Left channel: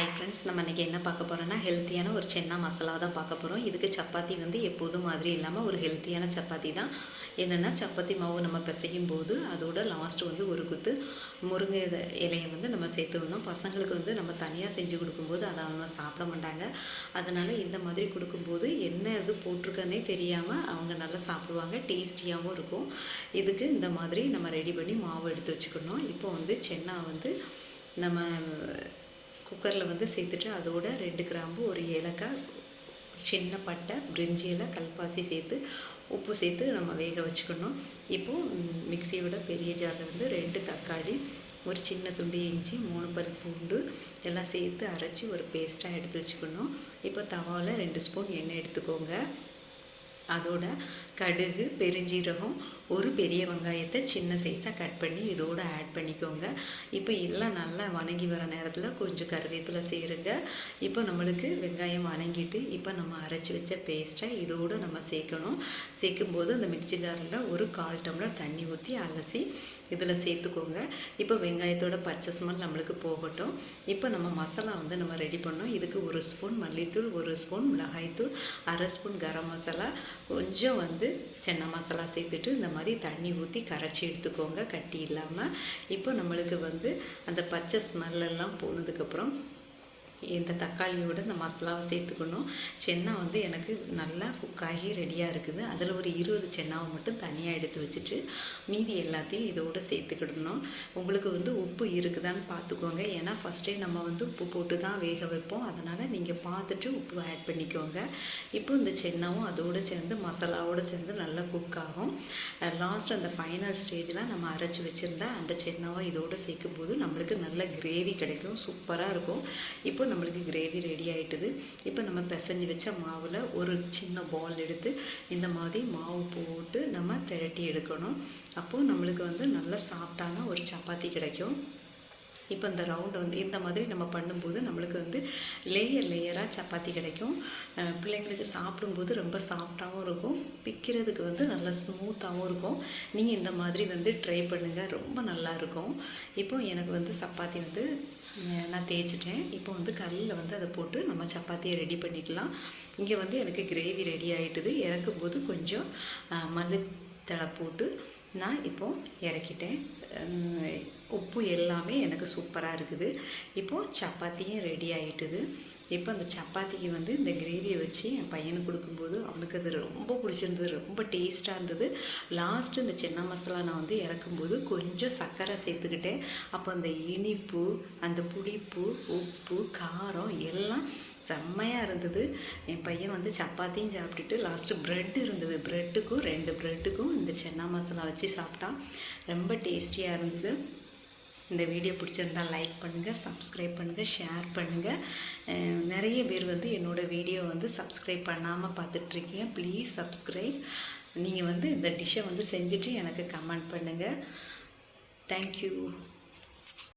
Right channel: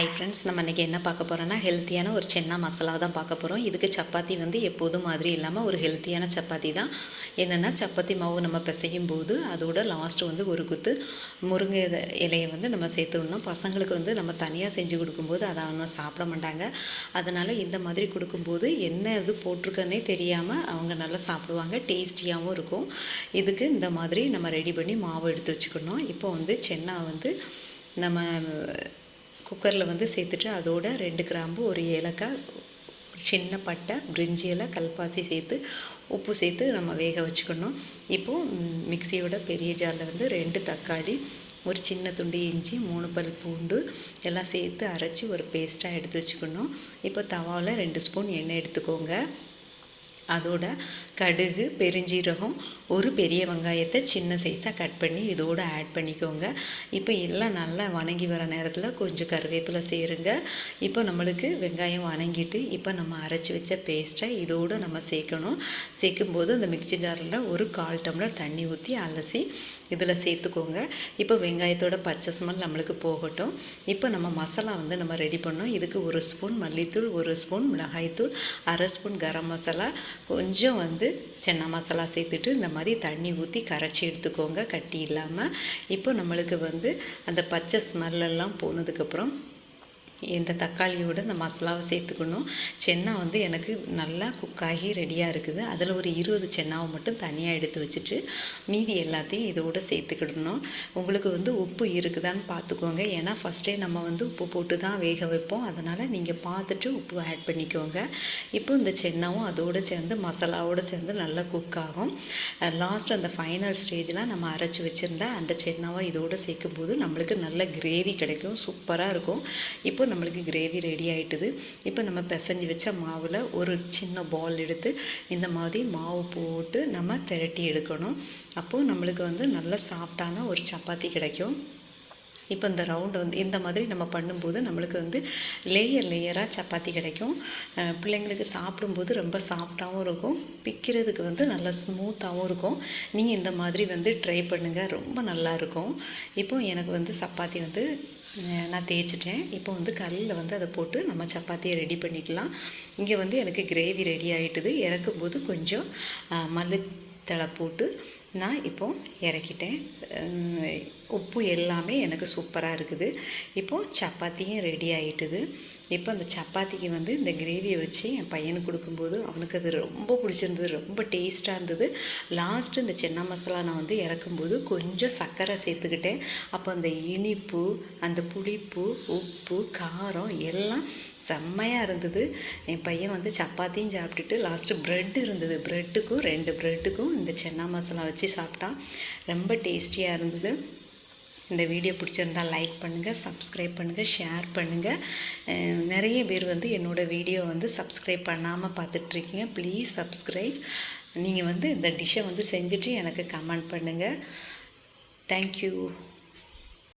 Hi friends நம்ம இன்றைக்கி என்ன பார்க்க போகிறோன்னா ஹெல்த்தியான ஒரு சென்னா மசாலா தான் பார்க்க போகிறோம் இதுக்கு சப்பாத்தி வந்து எப்போதும் மாதிரி இல்லாமல் ஒரு ஹெல்த்தியான சப்பாத்தி தான். என்னென்னா சப்பாத்தி மாவு நம்ம பிசையும் போது அதோட லாஸ்ட்டு வந்து ஒரு குத்து முருங்கை இலையை வந்து நம்ம சேர்த்துடணும். பசங்களுக்கு வந்து நம்ம தனியாக செஞ்சு கொடுக்கும்போது அதை அவங்க சாப்பிட மாட்டாங்க. அதனால் இந்த மாதிரி கொடுக்கும்போது என்ன இது போட்டிருக்கன்னே தெரியாமல் அவங்க நல்லா சாப்பிடுவாங்க. டேஸ்டியாகவும் இருக்கும். இதுக்கு இந்த மாதிரி நம்ம ரெடி பண்ணி மாவு எடுத்து வச்சுக்கணும். இப்போ வந்து சென்னா வந்து நம்ம குக்கரில் வந்து சேர்த்துட்டு அதோட ரெண்டு கிராம்பு ஒரு ஏலக்காய் சின்ன பட்டை பிரிஞ்சி இலை கல்பாசி சேர்த்து உப்பு சேர்த்து நம்ம வேக வச்சுக்கணும். இப்போது மிக்சியோட பெரிய ஜாரில் வந்து ரெண்டு தக்காளி ஒரு சின்ன துண்டு இஞ்சி மூணு பல் பூண்டு எல்லாம் சேர்த்து அரைச்சி ஒரு பேஸ்ட்டாக எடுத்து வச்சுக்கணும். இப்போ தவாவில் ரெண்டு ஸ்பூன் எண்ணெய் எடுத்துக்கோங்க. அதோட கடுகு பெருஞ்சீரகம் ஒரு பெரிய வெங்காயத்தை சின்ன சைஸாக கட் பண்ணி இதோடு ஆட் பண்ணிக்கோங்க. இப்போ எல்லாம் நல்லா வணங்கி வர நேரத்தில் கொஞ்சம் கருவேப்பிலை சேருங்க. இப்போ நம்மளுக்கு வெங்காயம் வணங்கிட்டு இப்போ நம்ம அரைச்சி வச்ச பேஸ்ட்டை இதோடு நம்ம சேர்க்கணும். சேர்க்கும்போது அந்த மிக்ஸி ஜாரில் ஒரு கால் டம்ளர் தண்ணி ஊற்றி அலசி இதில் சேர்த்துக்கோங்க. இப்போ வெங்காயத்தோட பச்சை ஸ்மெல் நம்மளுக்கு போகட்டும். இப்போ நம்ம மசாலா வந்து நம்ம ரெடி பண்ணோம். இதுக்கு ஒரு ஸ்பூன் மல்லித்தூள் ஒரு ஸ்பூன் மிளகாய்த்தூள் அரை ஸ்பூன் கரம் மசாலா. கொஞ்சம் வந்து சென்னா மசாலா சேர்த்துட்டு இந்த மாதிரி தண்ணி ஊற்றி கரைச்சி எடுத்துக்கோங்க கட்டி இல்லாமல் இப்போ நம்மளுக்கு வந்து அந்த பச்சை ஸ்மெல்லெல்லாம் போனதுக்கப்புறம் இந்த தக்காளியோட இந்த மசாலாவை சேர்த்துக்கணும். சென்னா வந்து எனக்கு நல்லா குக் ஆகி ரெடியாக இருக்குது. அதில் ஒரு இருபது சென்னாவை மட்டும் தனியாக எடுத்து வச்சுட்டு மீதி எல்லாத்தையும் இதோட சேர்த்துக்கிடணும். உங்களுக்கு வந்து உப்பு இருக்குதான்னு பார்த்துக்கோங்க. ஏன்னா ஃபஸ்ட்டே நம்ம வந்து உப்பு போட்டு தான் வேக வைப்போம். அதனால் நீங்கள் பார்த்துட்டு உப்பு ஆட் பண்ணிக்கோங்க. இப்போ இந்த சென்னாவும் அதோடு சேர்ந்து மசாலாவோடு சேர்ந்து நல்லா குக் ஆகும். லாஸ்ட் அந்த ஃபைனல் ஸ்டேஜில் நம்ம அரைச்சி வச்சுருந்தா அந்த சென்னாவை இதோடு சேர்க்கும்போது நம்மளுக்கு நல்ல கிரேவி கிடைக்கும். சூப்பராக இருக்கும். இப்போ நம்மளுக்கு கிரேவி ரெடி ஆயிட்டுது. இப்போ நம்ம பிசைஞ்சு வச்ச மாவில் ஒரு சின்ன பால் எடுத்து இந்த மாதிரி மாவு போட்டு நம்ம திரட்டி எடுக்கணும். அப்போது நம்மளுக்கு வந்து நல்ல சாஃப்டான ஒரு சப்பாத்தி கிடைக்கும். இப்போ இந்த ரவுண்டு வந்து இந்த மாதிரி நம்ம பண்ணும்போது நம்மளுக்கு வந்து லேயர் லேயராக சப்பாத்தி கிடைக்கும். பிள்ளைங்களுக்கு சாப்பிடும்போது ரொம்ப சாஃப்டாகவும் இருக்கும். பிக்கிறதுக்கு வந்து நல்லா ஸ்மூத்தாகவும் இருக்கும். நீங்கள் இந்த மாதிரி வந்து ட்ரை பண்ணுங்கள் ரொம்ப நல்லா இருக்கும். இப்போ எனக்கு வந்து சப்பாத்தி வந்து நான் தேய்ச்சிட்டேன். இப்போ வந்து கல்லில் வந்து அதை போட்டு நம்ம சப்பாத்தியை ரெடி பண்ணிக்கலாம். இங்கே வந்து எனக்கு கிரேவி ரெடி ஆயிட்டுது. இறக்கும்போது கொஞ்சம் மல்லித்தலை போட்டு நான் இப்போ இறக்கிட்டேன். உப்பு எல்லாமே எனக்கு சூப்பராக இருக்குது. இப்போது சப்பாத்தியும் ரெடி ஆகிட்டுது இப்போ அந்த சப்பாத்திக்கு வந்து இந்த கிரேவியை வச்சு என் பையனுக்கு கொடுக்கும்போது அவனுக்கு அது ரொம்ப பிடிச்சிருந்தது ரொம்ப டேஸ்ட்டாக இருந்தது. லாஸ்ட்டு இந்த சென்னா மசாலா நான் வந்து இறக்கும்போது கொஞ்சம் சர்க்கரை சேர்த்துக்கிட்டேன். அப்போ அந்த இனிப்பு அந்த புளிப்பு உப்பு காரம் எல்லாம் செம்மையாக இருந்தது. என் பையன் வந்து சப்பாத்தியும் சாப்பிட்டுட்டு லாஸ்ட்டு ப்ரெட் இருந்தது. ப்ரெட்டுக்கும் ரெண்டு ப்ரெட்டுக்கும் இந்த சென்னா மசாலா வச்சு சாப்பிட்டான். ரொம்ப டேஸ்டியாக இருந்தது. இந்த வீடியோ பிடிச்சிருந்தா லைக் பண்ணுங்கள் சப்ஸ்கிரைப் பண்ணுங்கள் ஷேர் பண்ணுங்கள் நிறைய பேர் வந்து என்னோடய வீடியோ வந்து சப்ஸ்கிரைப் பண்ணாமல் பார்த்துட்ருக்கீங்க. ப்ளீஸ் சப்ஸ்கிரைப் நீங்கள் வந்து இந்த டிஷ்ஷை வந்து செஞ்சுட்டு எனக்கு கமெண்ட் பண்ணுங்கள் தேங்க்யூ